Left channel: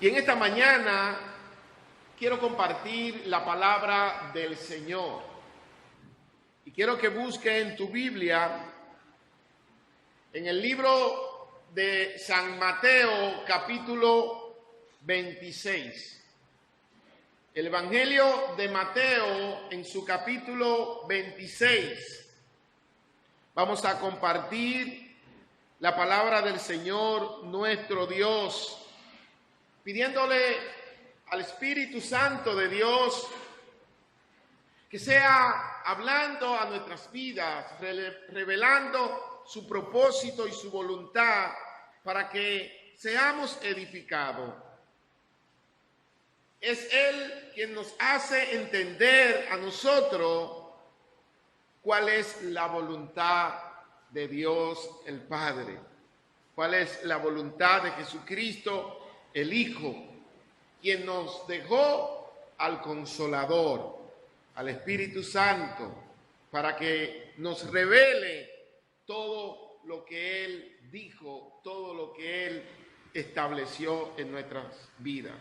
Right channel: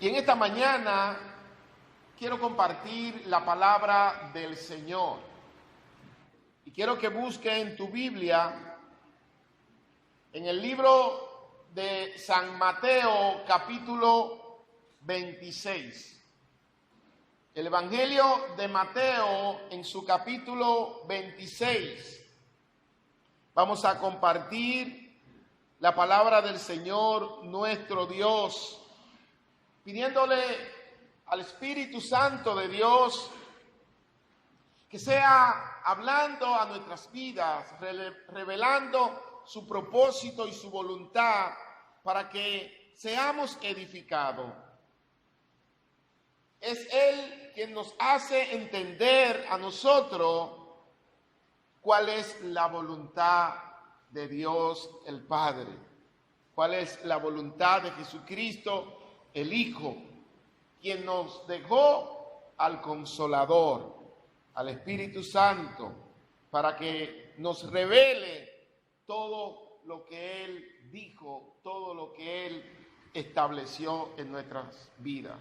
Y en esta mañana quiero compartir la palabra del Señor. Y quiero que busque en tu Biblia, en el libro de San Mateo, capítulo 26. El Evangelio de Mateo, en su capítulo 26. Vamos a compartir la palabra del Señor nuestro Dios, pidiéndole al Espíritu Santo de Dios que sea hablando a nuestras vidas, revelando su propósito y su voluntad para que seamos edificados. Es Él quien nos hace entender a nosotros cuál es la voluntad de Dios el Padre, cuál es la voluntad de Jesucristo el Hijo, quien nos dejó al Consolador, al Espíritu Santo, para que nos revele todo lo que Él dijo, todo lo que Él estableció en nuestras vidas.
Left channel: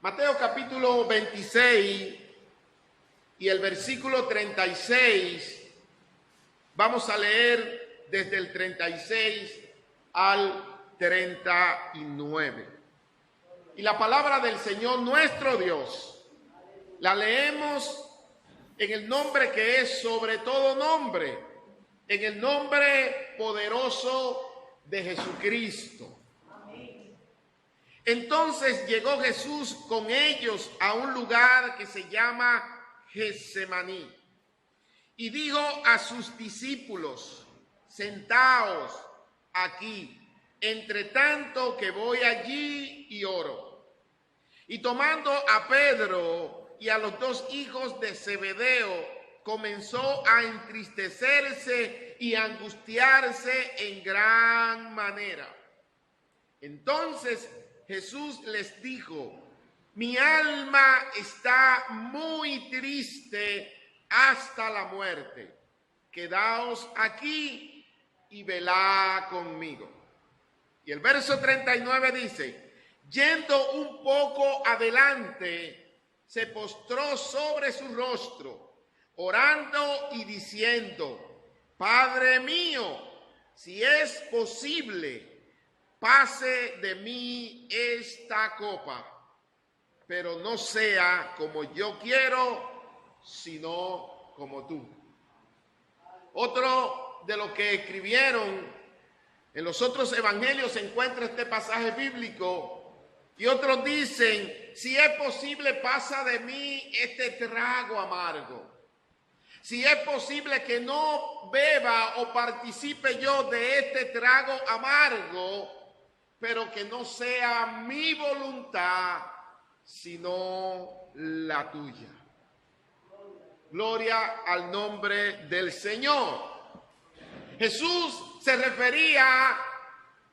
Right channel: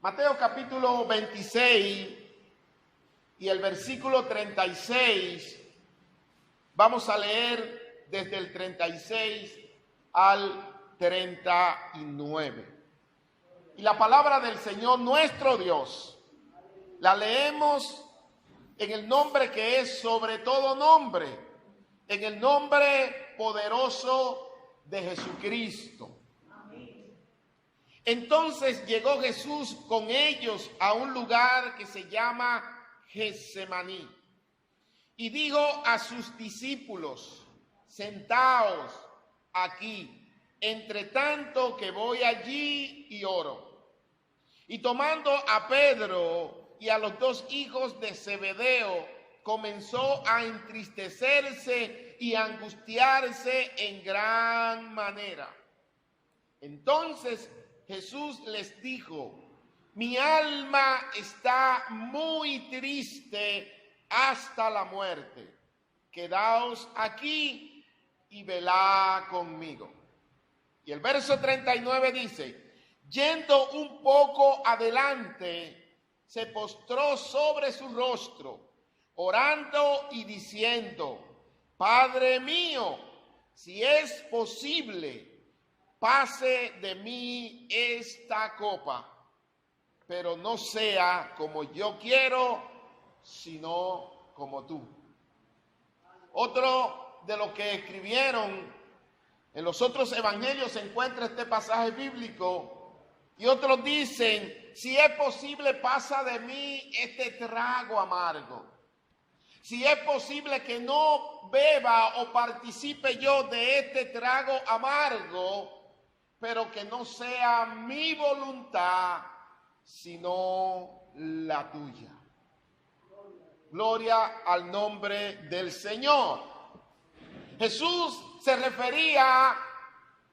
Mateo capítulo 26 y el versículo 36, vamos a leer desde el 36 al 39. Y la palabra del Señor nuestro Dios la leemos en el nombre que es sobre todo nombre, en el nombre poderoso de Jesucristo. Entonces llegó Jesús con ellos a un lugar que se llama Getsemaní y dijo a sus discípulos: sentaos aquí, entre tanto que voy allí y oro. Y tomando a Pedro y a los dos hijos de Zebedeo, comenzó a entristecerse y a angustiarse en gran manera. Entonces Jesús les dijo: mi alma está muy triste hasta la muerte. Quedaos aquí y velad conmigo. Y el verso 39 dice: yendo un poco adelante, se postró sobre su rostro, orando y diciendo: Padre mío, si es posible, pase de mí esta copa, pero no sea como yo quiero, sino como tú. Otro de los que escribieron en los otros evangelios se encuentra este pasaje bíblico, y otros dicen: si es posible, pasa de mí este trago amargo. Si es posible que no beba o participe yo de este trago amargo, pero que no sea mi voluntad, sino la tuya. Gloria al nombre del Señor. Jesús se refería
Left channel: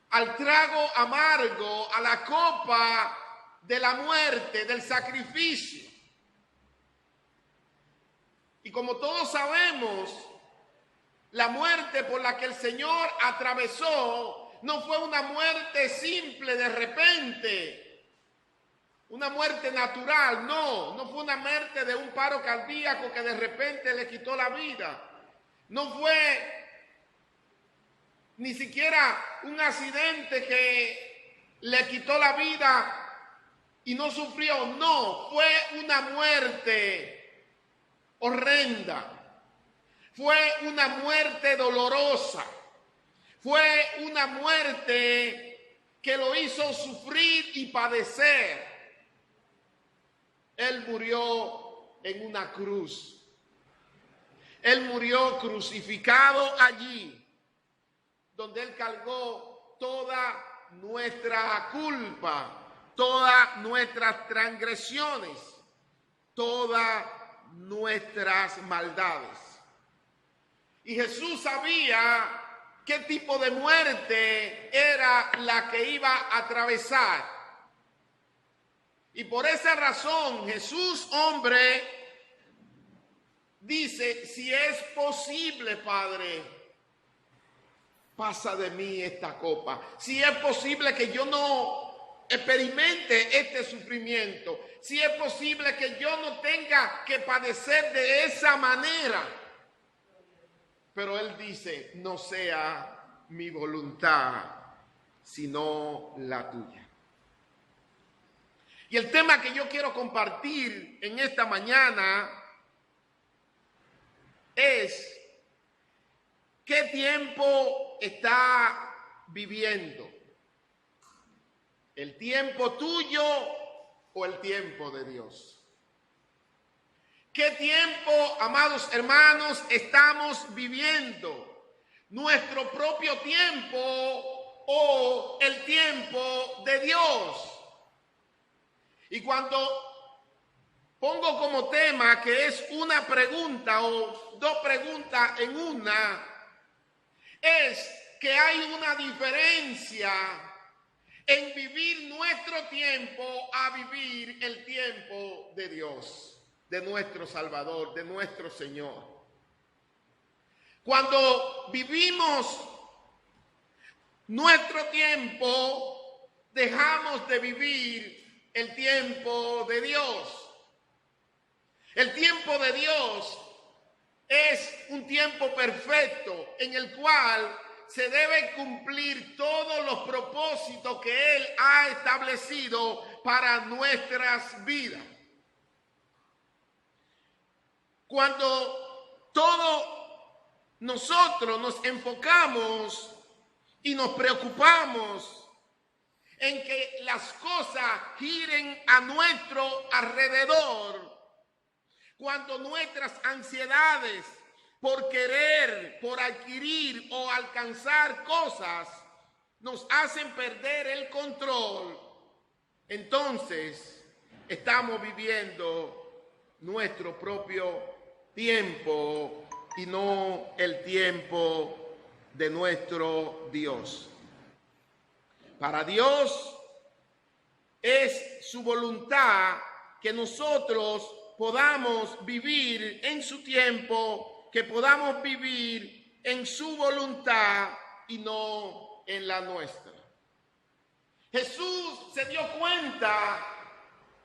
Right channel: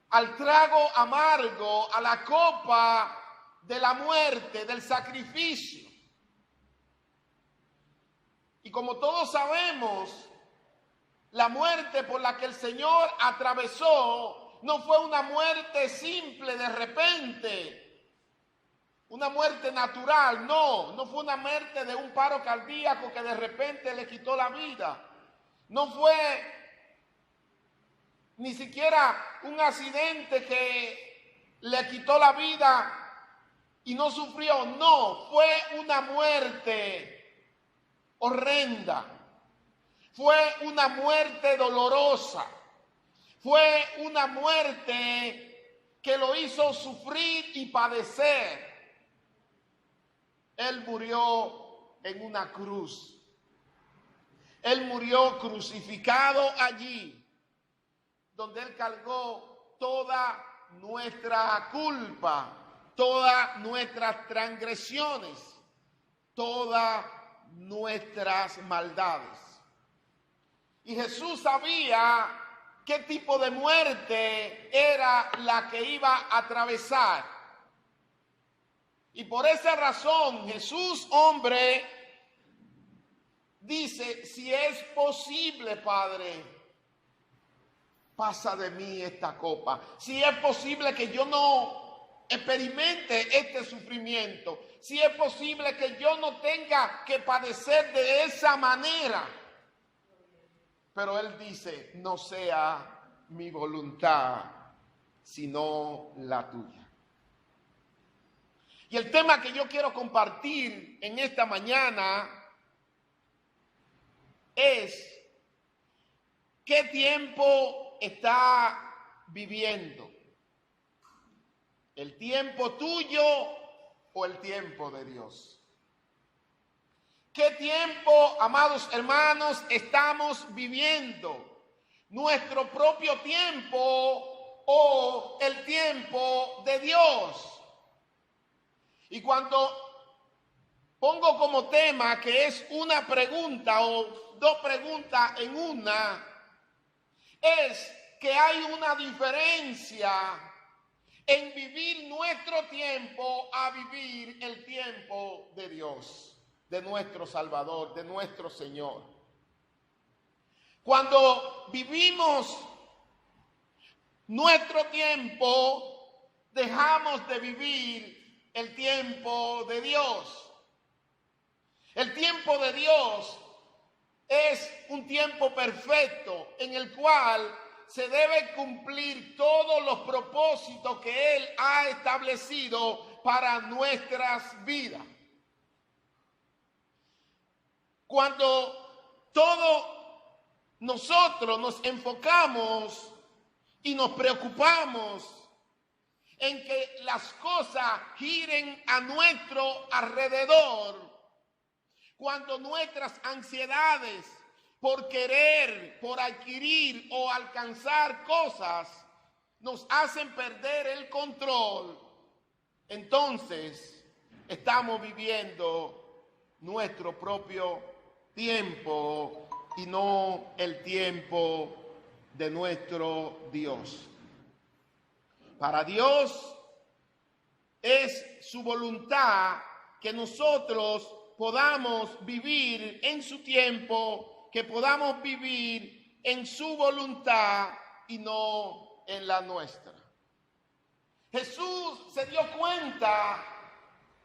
al trago amargo, a la copa de la muerte, del sacrificio. Y como todos sabemos, la muerte por la que el Señor atravesó no fue una muerte simple de repente, una muerte natural, no fue una muerte de un paro cardíaco que de repente le quitó la vida. No fue ni siquiera un accidente que le quitó la vida y no sufrió. No, fue una muerte horrenda. Fue una muerte dolorosa. Fue una muerte que lo hizo sufrir y padecer. Él murió en una cruz. Él murió crucificado allí, donde Él cargó toda nuestra culpa, todas nuestras transgresiones, todas nuestras maldades. Y Jesús sabía qué tipo de muerte era la que iba a atravesar. Y por esa razón Jesús, hombre, dice: si es posible, Padre, pasa de mí esta copa. Si es posible que yo no experimente este sufrimiento, si es posible que yo no tenga que padecer de esa manera. Pero Él dice, no sea mi voluntad, sino la tuya. Y el tema que yo quiero compartir en esta mañana es: ¿qué tiempo está viviendo? ¿El tiempo tuyo o el tiempo de Dios? ¿Qué tiempo, amados hermanos, estamos viviendo? ¿Nuestro propio tiempo o el tiempo de Dios? Y cuando pongo como tema que es una pregunta o dos preguntas en una, es que hay una diferencia en vivir nuestro tiempo a vivir el tiempo de Dios, de nuestro Salvador, de nuestro Señor. Cuando vivimos nuestro tiempo, dejamos de vivir el tiempo de Dios. El tiempo de Dios es un tiempo perfecto en el cual se deben cumplir todos los propósitos que Él ha establecido para nuestras vidas. Cuando todos nosotros nos enfocamos y nos preocupamos en que las cosas giren a nuestro alrededor, cuando nuestras ansiedades por querer, por adquirir o alcanzar cosas nos hacen perder el control, entonces estamos viviendo nuestro propio tiempo y no el tiempo de nuestro Dios. Para Dios es su voluntad que nosotros podamos vivir en su tiempo, que podamos vivir en su voluntad y no en la nuestra. Jesús se dio cuenta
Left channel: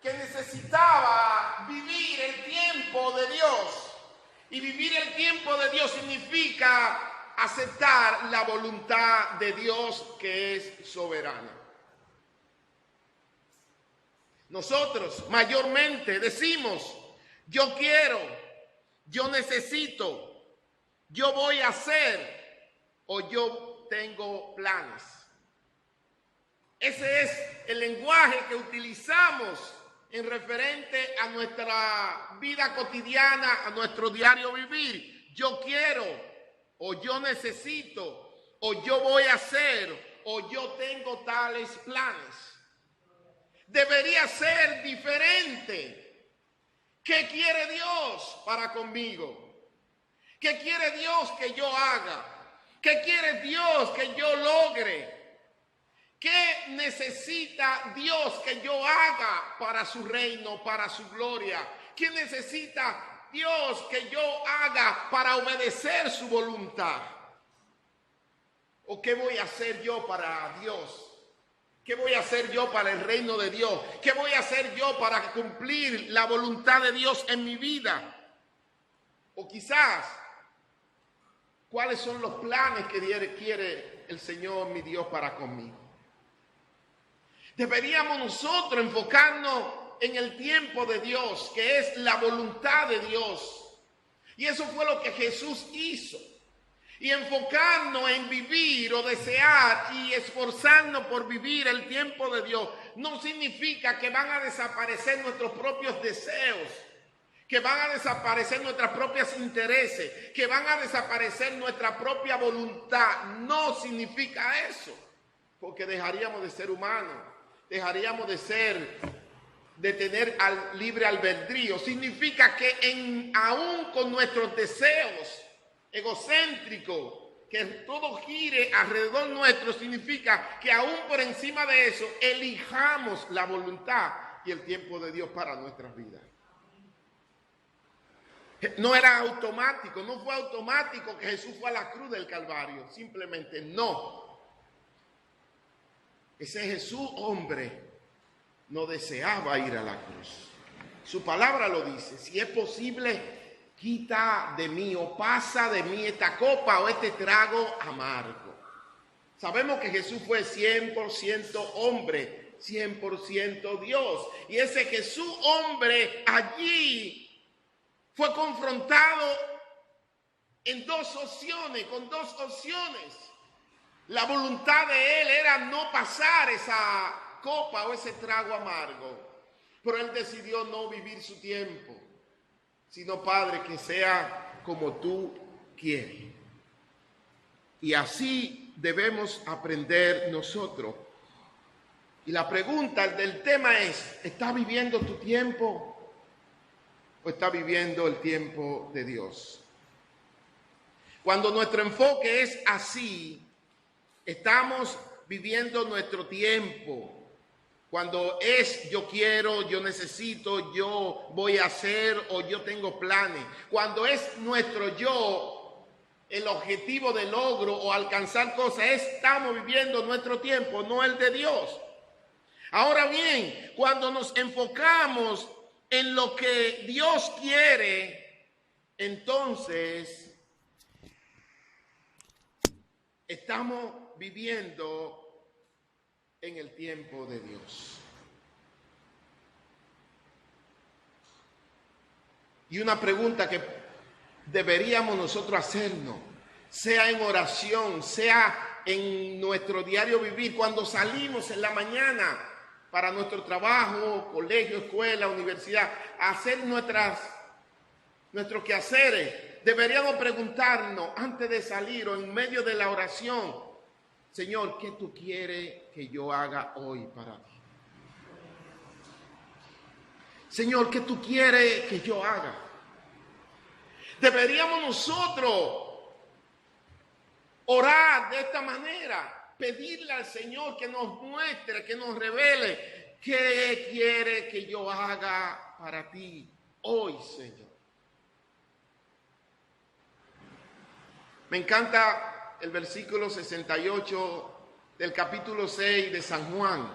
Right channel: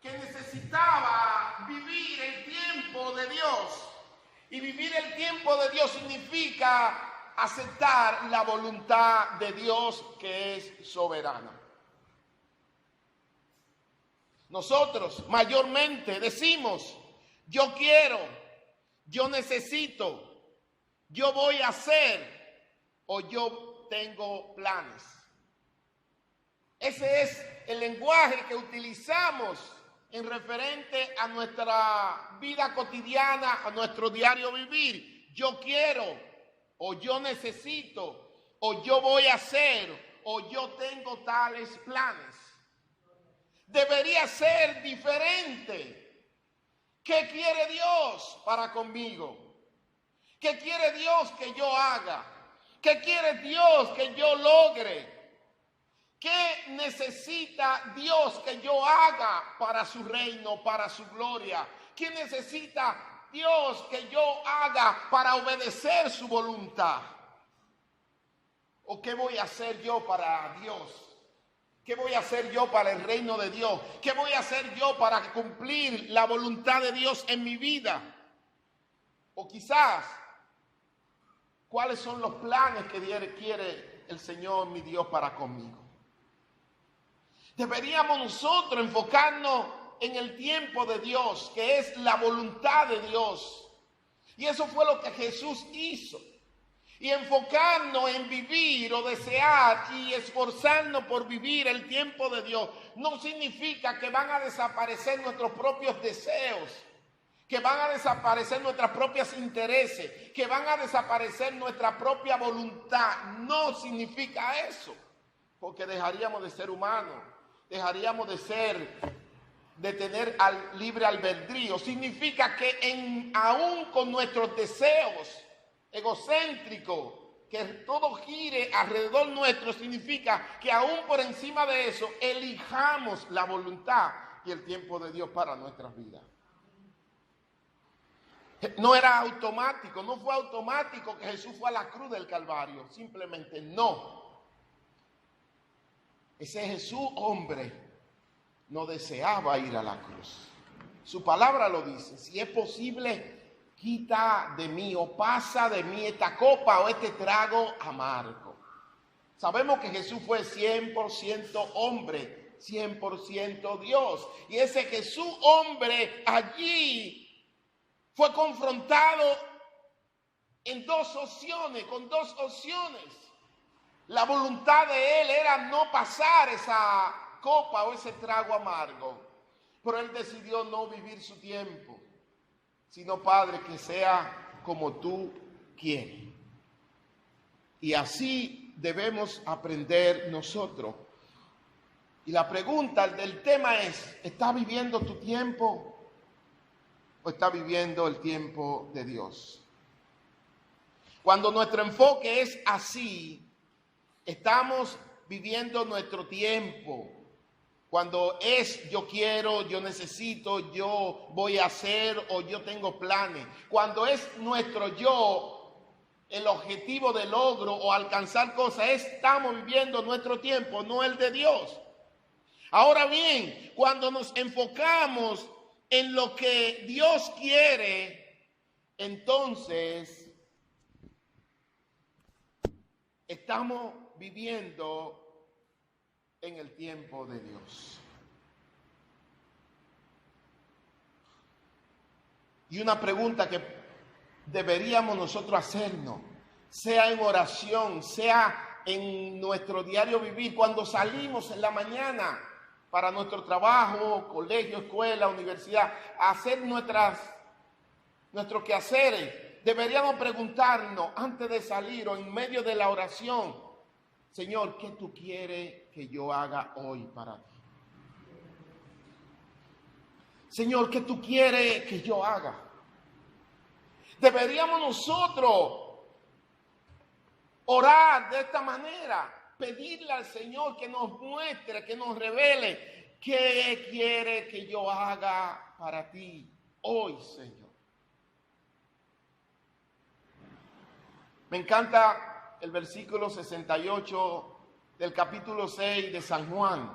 que necesitaba vivir el tiempo de Dios. Y vivir el tiempo de Dios significa aceptar la voluntad de Dios, que es soberana. Nosotros mayormente decimos: yo quiero, yo necesito, yo voy a hacer, o yo tengo planes. Ese es el lenguaje que utilizamos en referente a nuestra vida cotidiana, a nuestro diario vivir. Yo quiero, o yo necesito, o yo voy a hacer, o yo tengo tales planes. Debería ser diferente. ¿Qué quiere Dios para conmigo? ¿Qué quiere Dios que yo haga? ¿Qué quiere Dios que yo logre? ¿Qué necesita Dios que yo haga para su reino, para su gloria? ¿Qué necesita Dios que yo haga para obedecer su voluntad? ¿O qué voy a hacer yo para Dios? ¿Qué voy a hacer yo para el reino de Dios? ¿Qué voy a hacer yo para cumplir la voluntad de Dios en mi vida? O quizás, ¿cuáles son los planes que quiere el Señor, mi Dios, para conmigo? Deberíamos nosotros enfocarnos en el tiempo de Dios, que es la voluntad de Dios. Y eso fue lo que Jesús hizo. Y enfocarnos en vivir o desear y esforzarnos por vivir el tiempo de Dios no significa que van a desaparecer nuestros propios deseos, que van a desaparecer nuestros propios intereses, que van a desaparecer nuestra propia voluntad. No significa eso, porque dejaríamos de ser humanos, dejaríamos de tener libre albedrío. Significa que aún con nuestros deseos egocéntricos, que todo gire alrededor nuestro, significa que aún por encima de eso elijamos la voluntad y el tiempo de Dios para nuestras vidas. No era automático, no fue automático que Jesús fue a la cruz del Calvario, simplemente no. Ese Jesús hombre no deseaba ir a la cruz. Su palabra lo dice: si es posible, quita de mí o pasa de mí esta copa o este trago amargo. Sabemos que Jesús fue 100% hombre, 100% Dios. Y ese Jesús hombre allí fue confrontado con dos opciones. La voluntad de él era no pasar esa copa o ese trago amargo, pero él decidió no vivir su tiempo, sino, Padre, que sea como tú quieres. Y así debemos aprender nosotros. Y la pregunta del tema es: ¿estás viviendo tu tiempo o estás viviendo el tiempo de Dios? Cuando nuestro enfoque es así, estamos viviendo nuestro tiempo. Cuando es yo quiero, yo necesito, yo voy a hacer o yo tengo planes. Cuando es nuestro yo, el objetivo de logro o alcanzar cosas, estamos viviendo nuestro tiempo, no el de Dios. Ahora bien, cuando nos enfocamos en lo que Dios quiere, entonces estamos viviendo en el tiempo de Dios. Y una pregunta que deberíamos nosotros hacernos, sea en oración, sea en nuestro diario vivir, cuando salimos en la mañana para nuestro trabajo, colegio, escuela, universidad, a hacer nuestros quehaceres, deberíamos preguntarnos antes de salir o en medio de la oración: Señor, ¿qué tú quieres que yo haga hoy para ti? Señor, ¿qué tú quieres que yo haga? Deberíamos nosotros orar de esta manera, pedirle al Señor que nos muestre, que nos revele qué quiere que yo haga para ti hoy, Señor. Me encanta el versículo 68 del capítulo 6 de San Juan,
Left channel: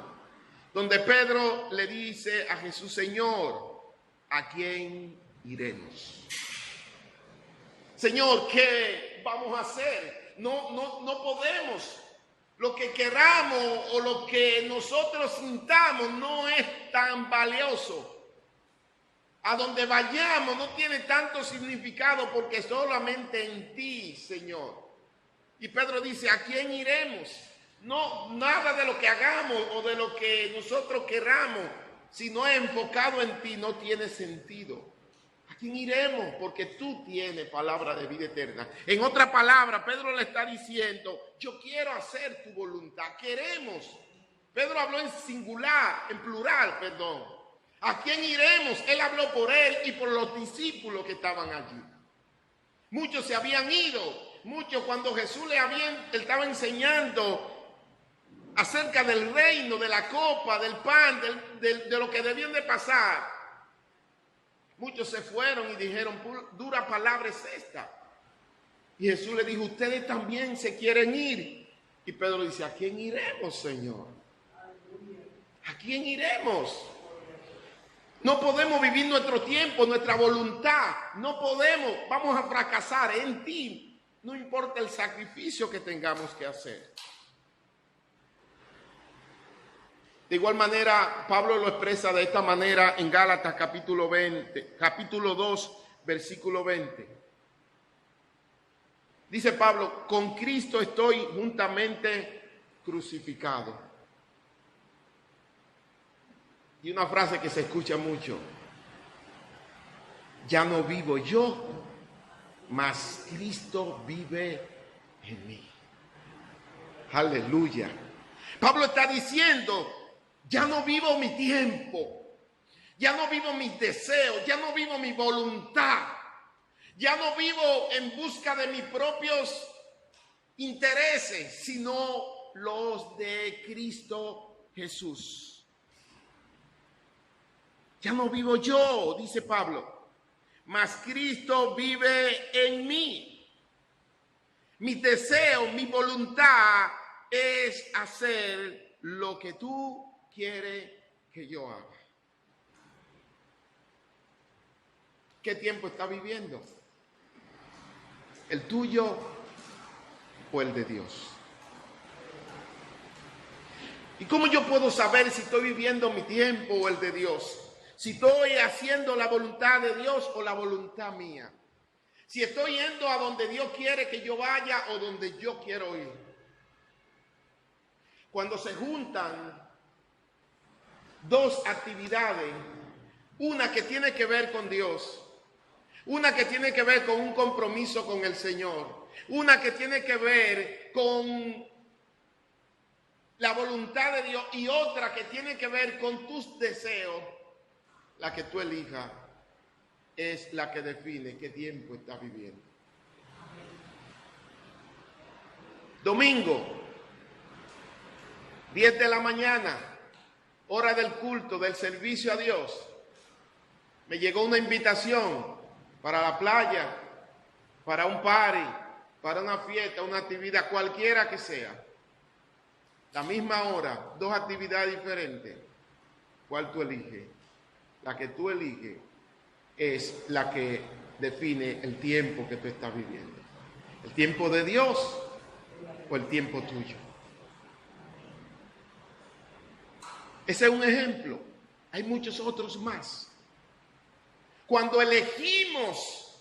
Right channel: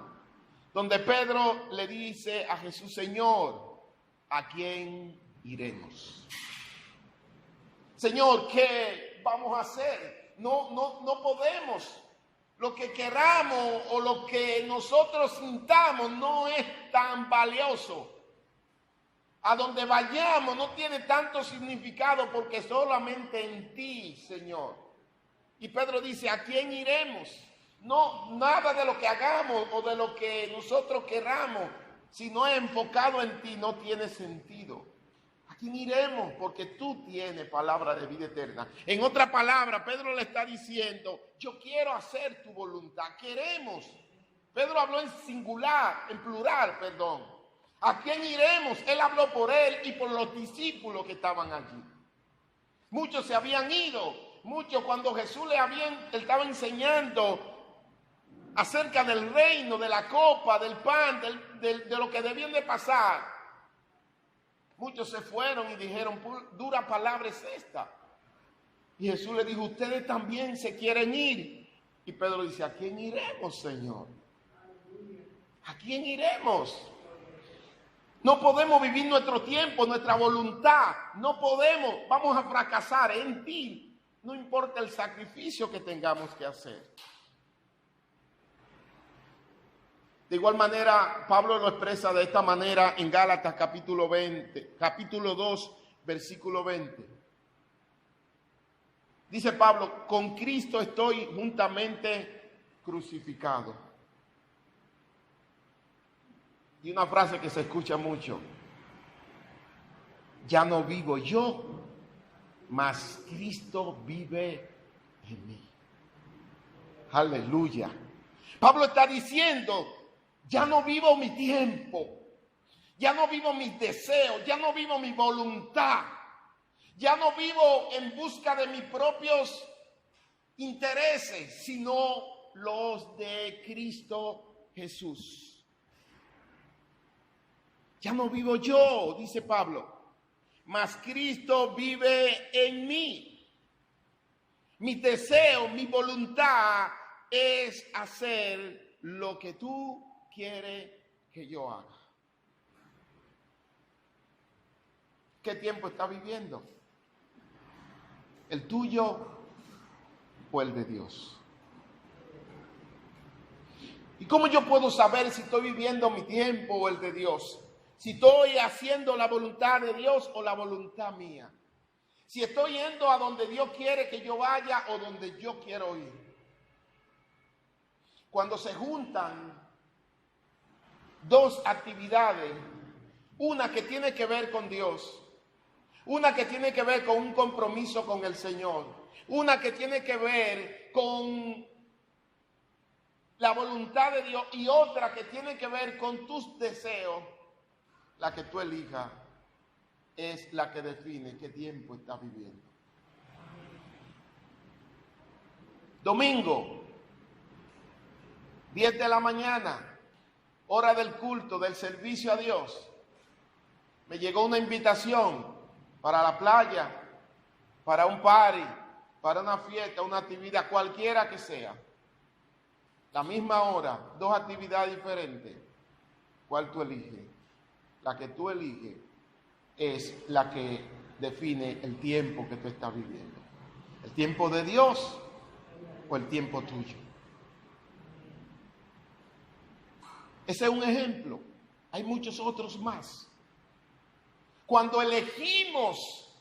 donde Pedro le dice a Jesús: Señor, ¿a quién iremos? Señor, ¿qué vamos a hacer? No podemos. Lo que queramos o lo que nosotros sintamos no es tan valioso. A donde vayamos no tiene tanto significado, porque solamente en ti, Señor. Y Pedro dice: ¿a quién iremos? No, nada de lo que hagamos o de lo que nosotros queramos, si no es enfocado en ti, no tiene sentido. ¿A quién iremos? Porque tú tienes palabra de vida eterna. En otra palabra, Pedro le está diciendo: yo quiero hacer tu voluntad. Queremos. Pedro habló en singular, en plural, perdón. ¿A quién iremos? Él habló por él y por los discípulos que estaban allí. Muchos se habían ido. Muchos, cuando Jesús él estaba enseñando acerca del reino, de la copa, del pan, de lo que debían de pasar, muchos se fueron y dijeron: dura palabra es esta. Y Jesús le dijo: ustedes también se quieren ir. Y Pedro dice: ¿a quién iremos, Señor? ¿A quién iremos? No podemos vivir nuestro tiempo, nuestra voluntad. No podemos, vamos a fracasar en ti. No importa el sacrificio que tengamos que hacer. De igual manera, Pablo lo expresa de esta manera en Gálatas capítulo 2, versículo 20. Dice Pablo: con Cristo estoy juntamente crucificado. Y una frase que se escucha mucho: ya no vivo yo, mas Cristo vive en mí. Aleluya. Pablo está diciendo: ya no vivo mi tiempo, ya no vivo mis deseos, ya no vivo mi voluntad, ya no vivo en busca de mis propios intereses, sino los de Cristo Jesús. Ya no vivo yo, dice Pablo, mas Cristo vive en mí. Mi deseo, mi voluntad es hacer lo que tú quieres que yo haga. ¿Qué tiempo está viviendo? ¿El tuyo o el de Dios? ¿Y cómo yo puedo saber si estoy viviendo mi tiempo o el de Dios? Si estoy haciendo la voluntad de Dios o la voluntad mía. Si estoy yendo a donde Dios quiere que yo vaya o donde yo quiero ir. Cuando se juntan dos actividades, una que tiene que ver con Dios, una que tiene que ver con un compromiso con el Señor, una que tiene que ver con la voluntad de Dios y otra que tiene que ver con tus deseos, la que tú elijas es la que define qué tiempo estás viviendo. Domingo, 10 de la mañana, hora del culto, del servicio a Dios. Me llegó una invitación para la playa, para un party, para una fiesta, una actividad, cualquiera que sea. La misma hora, dos actividades diferentes. ¿Cuál tú eliges? La que tú eliges es la que define el tiempo que tú estás viviendo. ¿El tiempo de Dios o el tiempo tuyo? Ese es un ejemplo. Hay muchos otros más. Cuando elegimos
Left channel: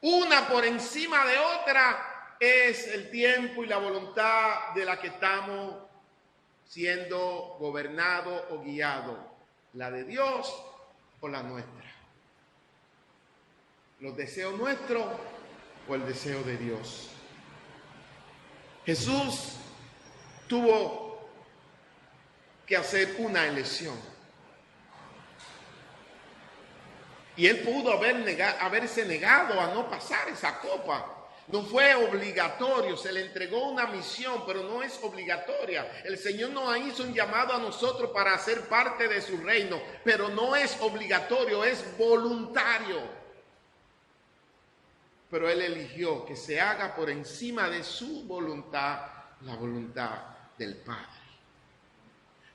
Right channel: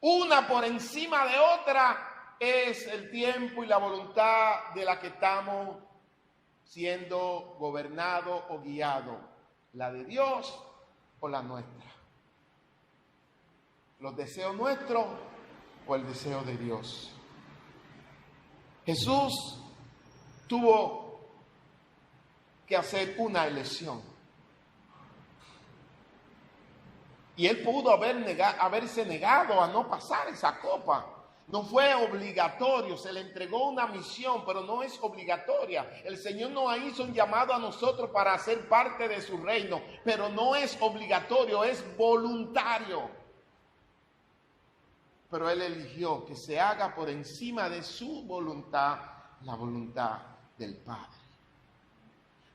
una por encima de otra, es el tiempo y la voluntad de la que estamos siendo gobernados o guiados. La de Dios o la nuestra. Los deseos nuestros o el deseo de Dios. Jesús tuvo que hacer una elección. Y él pudo haberse negado a no pasar esa copa. No fue obligatorio, se le entregó una misión, pero no es obligatoria. El Señor nos hizo un llamado a nosotros para ser parte de su reino, pero no es obligatorio, es voluntario. Pero Él eligió que se haga por encima de su voluntad, la voluntad del Padre,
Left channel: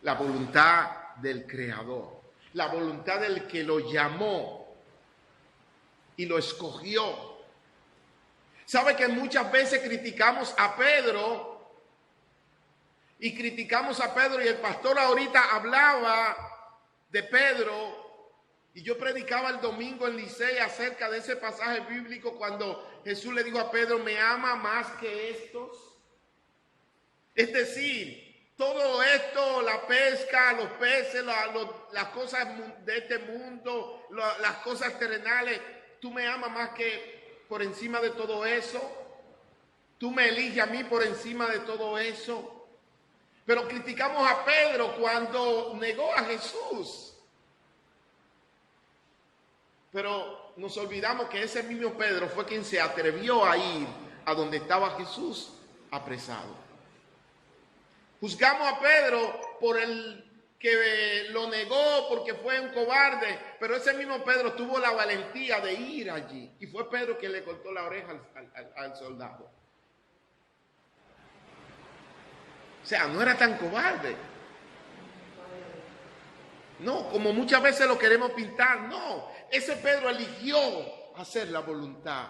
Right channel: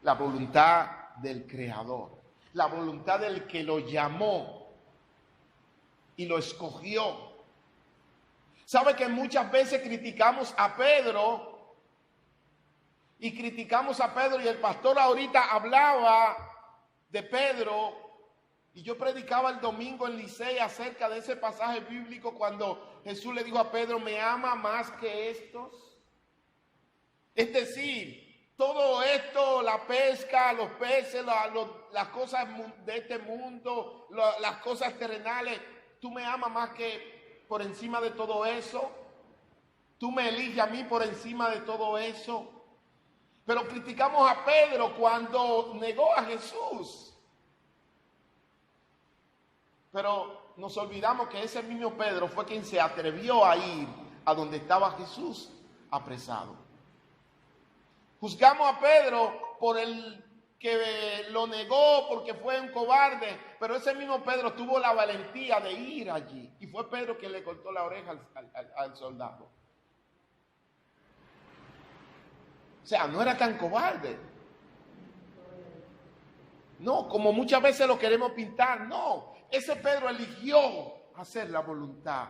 la voluntad del Creador, la voluntad del que lo llamó y lo escogió. ¿Sabe que muchas veces criticamos a Pedro? Y el pastor ahorita hablaba de Pedro. Y yo predicaba el domingo en Licey acerca de ese pasaje bíblico cuando Jesús le dijo a Pedro, ¿me ama más que estos? Es decir, todo esto, la pesca, los peces, las cosas de este mundo, las cosas terrenales, ¿tú me amas más que por encima de todo eso? ¿Tú me eliges a mí por encima de todo eso? Pero criticamos a Pedro cuando negó a Jesús. Pero nos olvidamos que ese mismo Pedro fue quien se atrevió a ir a donde estaba Jesús apresado. Juzgamos a Pedro por el que lo negó porque fue un cobarde, pero ese mismo Pedro tuvo la valentía de ir allí. Y fue Pedro quien le cortó la oreja al soldado. O sea, no era tan cobarde. No, como muchas veces lo queremos pintar, no. Ese Pedro eligió hacer la voluntad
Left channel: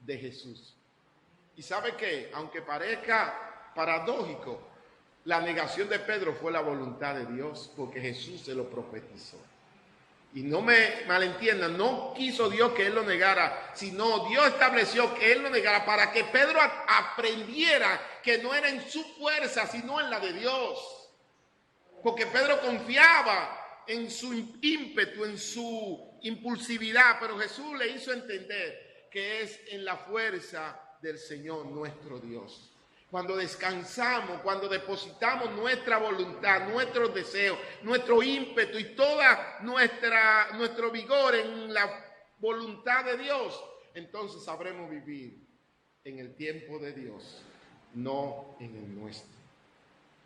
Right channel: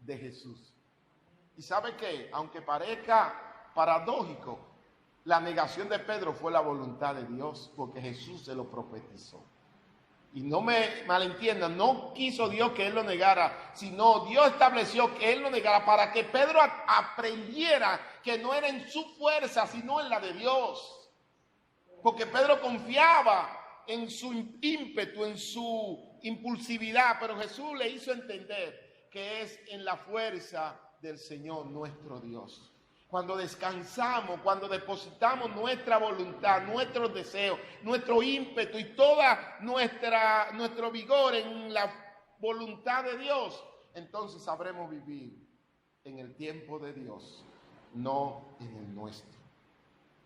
de Jesús. ¿Y sabe qué? Aunque parezca paradójico, la negación de Pedro fue la voluntad de Dios, porque Jesús se lo profetizó. Y no me malentiendan, no quiso Dios que él lo negara, sino Dios estableció que él lo negara para que Pedro aprendiera que no era en su fuerza, sino en la de Dios. Porque Pedro confiaba en su ímpetu, en su impulsividad, pero Jesús le hizo entender que es en la fuerza del Señor nuestro Dios. Cuando descansamos, cuando depositamos nuestra voluntad, nuestros deseos, nuestro ímpetu y toda nuestro vigor en la voluntad de Dios, entonces sabremos vivir en el tiempo de Dios, no en el nuestro.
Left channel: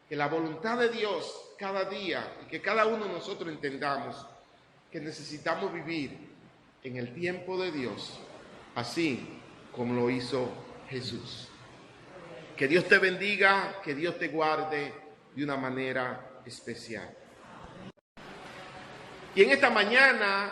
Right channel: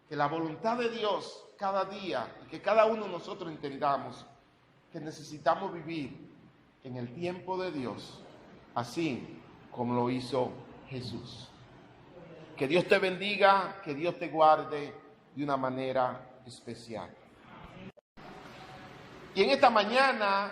Que la voluntad de Dios cada día y que cada uno de nosotros entendamos que necesitamos vivir en el tiempo de Dios, así como lo hizo Jesús. Que Dios te bendiga, que Dios te guarde de una manera especial. Y en esta mañana